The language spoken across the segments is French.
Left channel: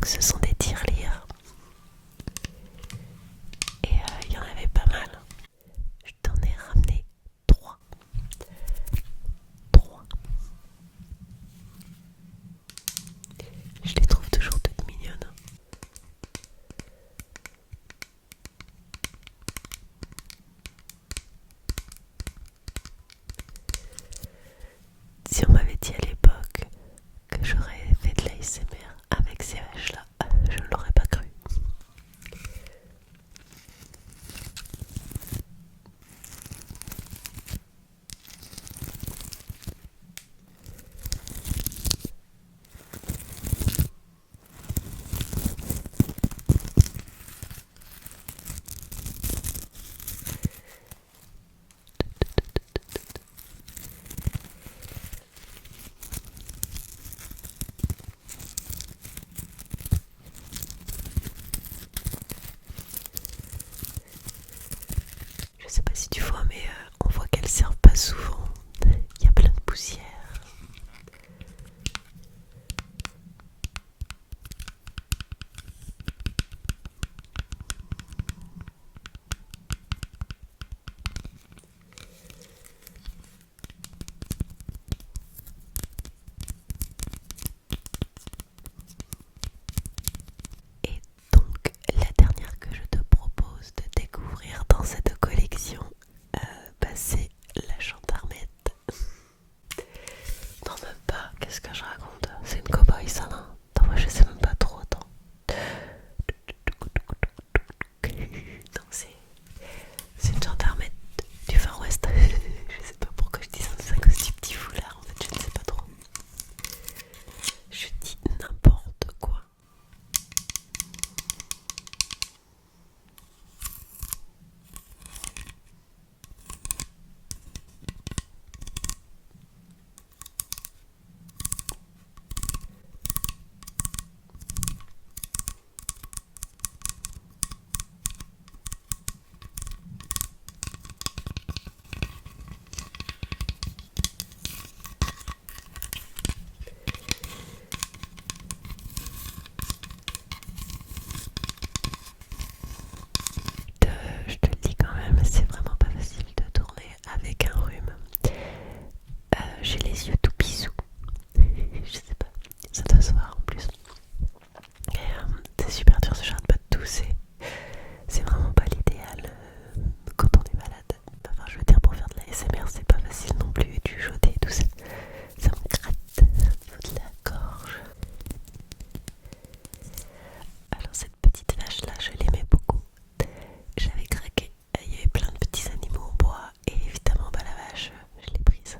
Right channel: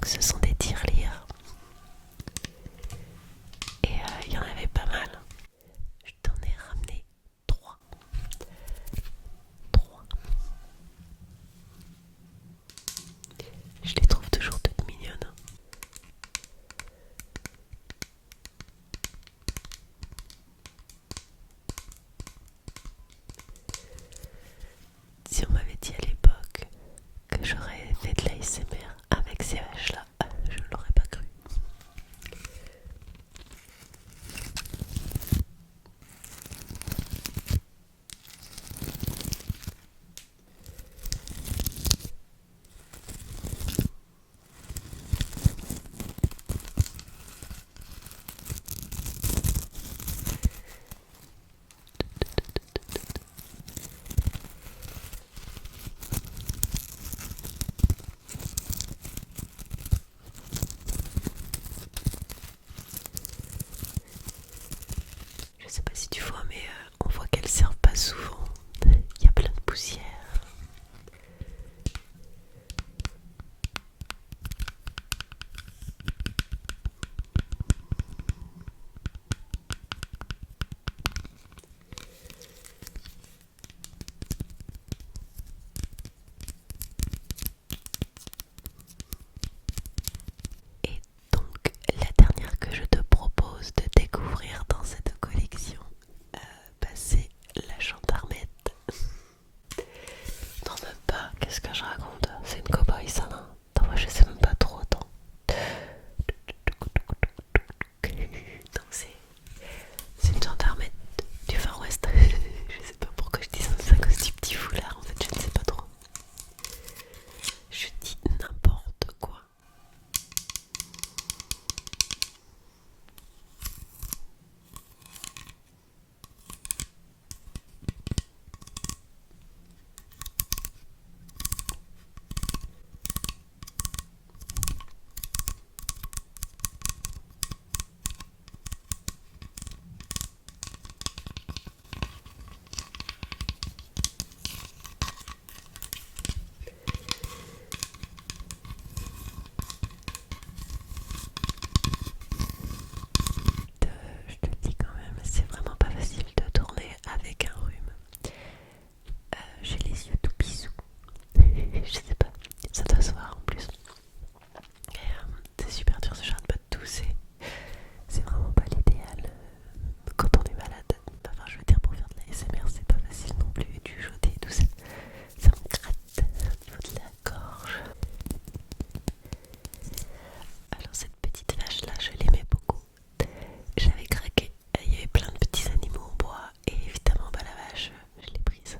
Donc ce sont des tirelires. Et il y en avait pas mal. Je t'en ai ramené 3. 3. Je les trouve toujours toutes mignonnes. Si on m'avait dit à l'époque que j'aurais fait de l'ASMR avec ces vaches-là, je ne l'aurais pas cru. Je sais pas si tu vois, mais on voit qu'elles servent pas souvent. Il y a plein de poussière. Et donc, la dernière que je te propose de découvrir dans cette collection, c'est la gendarmette. Non, même pas, qu'est-ce que je raconte? C'est une cow-boy ça, non? Non, moi je sais même pas trop, attends. Donc c'est une gendarmette du Far West. Je sais pas pourquoi je dis ça, c'est à cause du petit foulard en fait, je ne sais pas trop. Je dis n'importe quoi. Je te le dis quand même, c'est vraiment pas facile de tourner avec un rhume. J'ai les yeux tout pissous. Je sais pas, ça doit se voir en plus. Et, c'est super dur, j'arrête pas de tousser. C'est vraiment pas l'idéal quand on est malade. Enfin, je veux dire, pour faire de la SMR, c'est pas facile non plus. Et du jeter et tout ça, ça me gratte au niveau de la gorge. Alors, cette petite vache là, je l'aimais beaucoup. J'avais craqué. Il y avait plein de petits animaux en bois. Et évidemment, bah, la vache, je l'ai prise.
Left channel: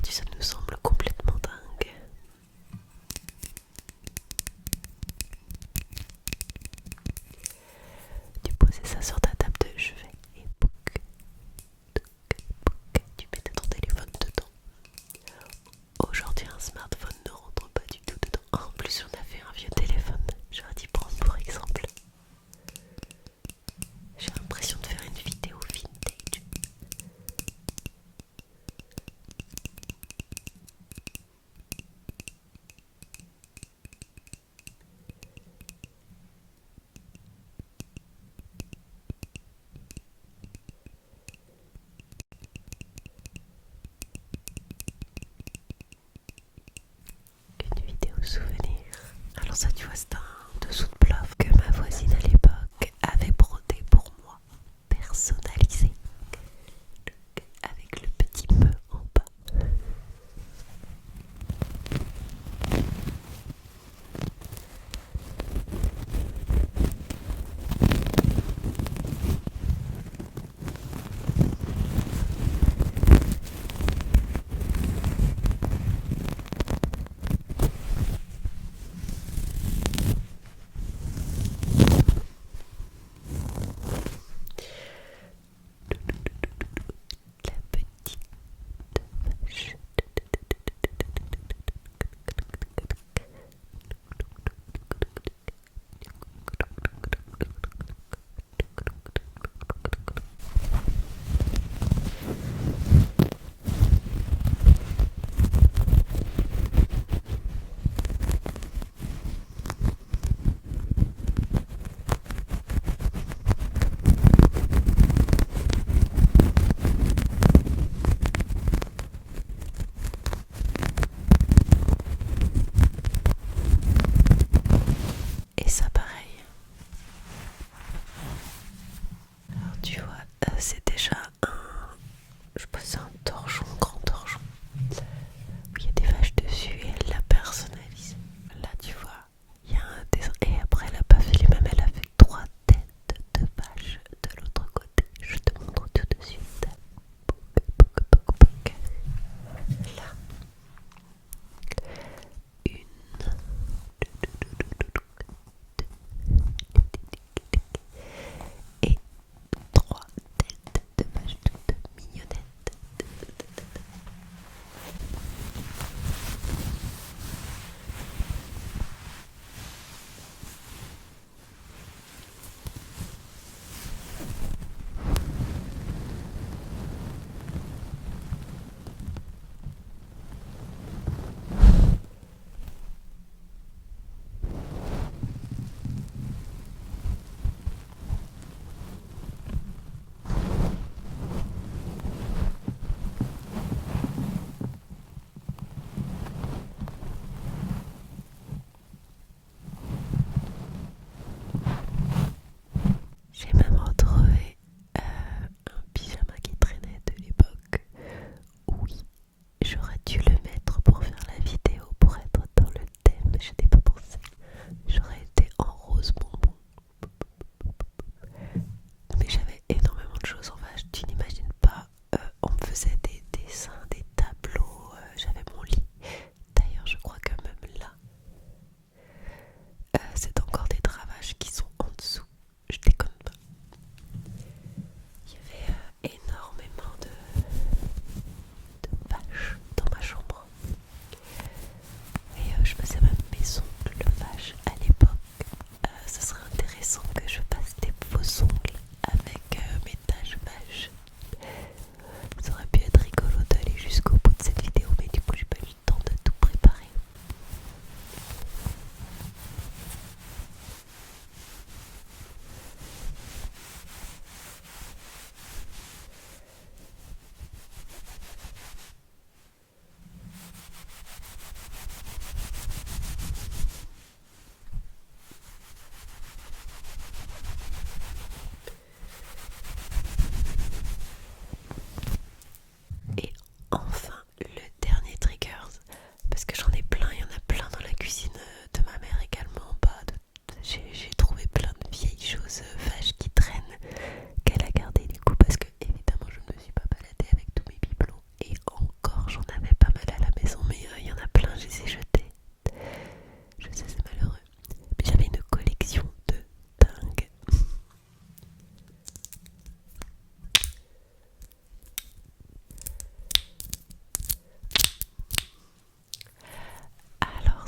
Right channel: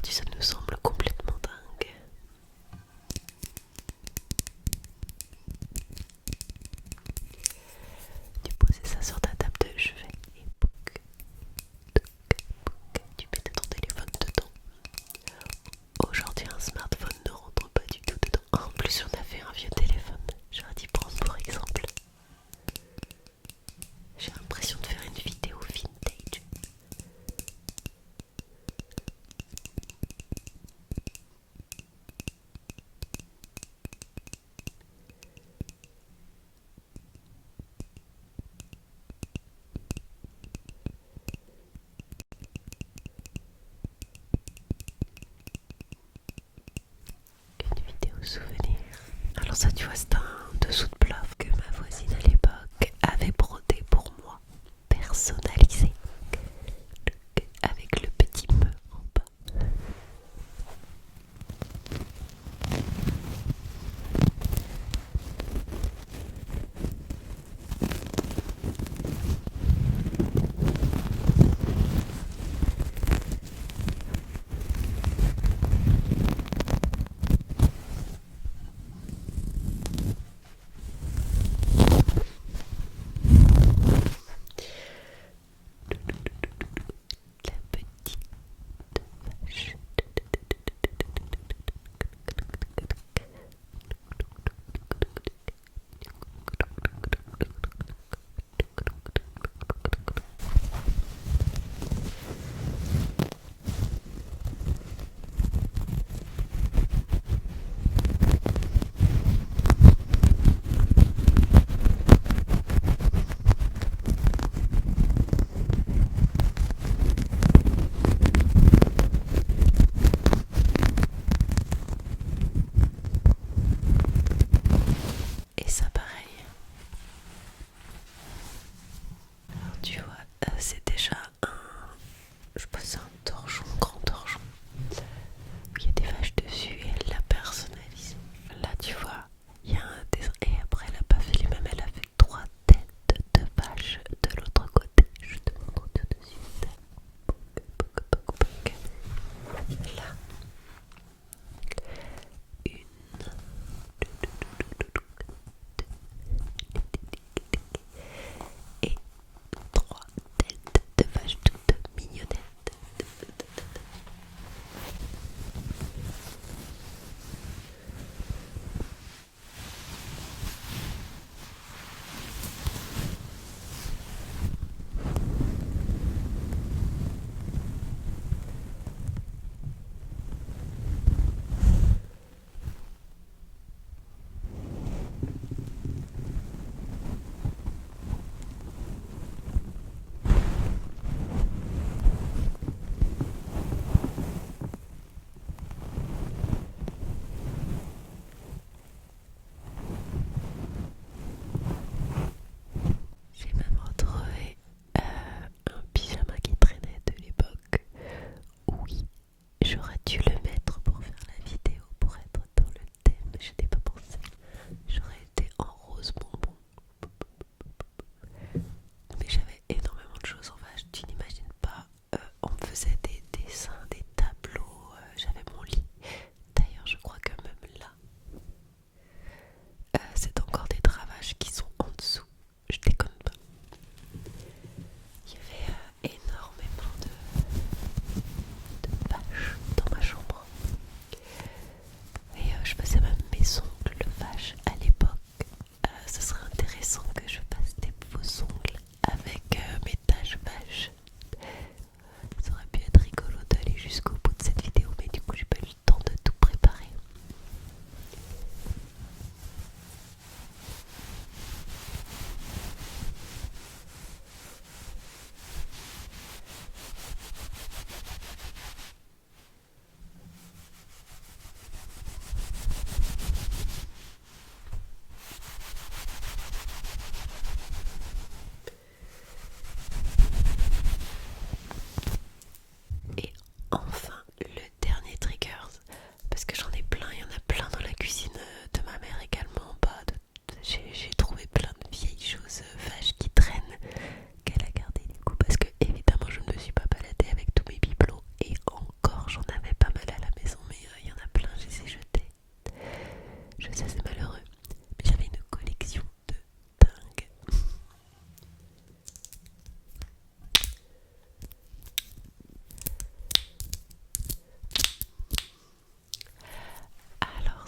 aujourd'hui ça nous semble complètement dingue. Tu posais ça sur ta table de chevet et pouc, tu mettais ton téléphone dedans. Aujourd'hui un smartphone ne rentre pas du tout dedans. En plus on a fait un vieux téléphone, j'aurais dû prendre pour exemple. J'ai l'impression de faire une vidéo vintage. Une vidéo souvenir. Alors ça tu vois c'est un dessous de plat que ma voisine à l'époque avait brodé pour moi, personnalisé, avec le petit me en bas.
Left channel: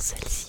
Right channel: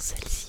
celle-ci.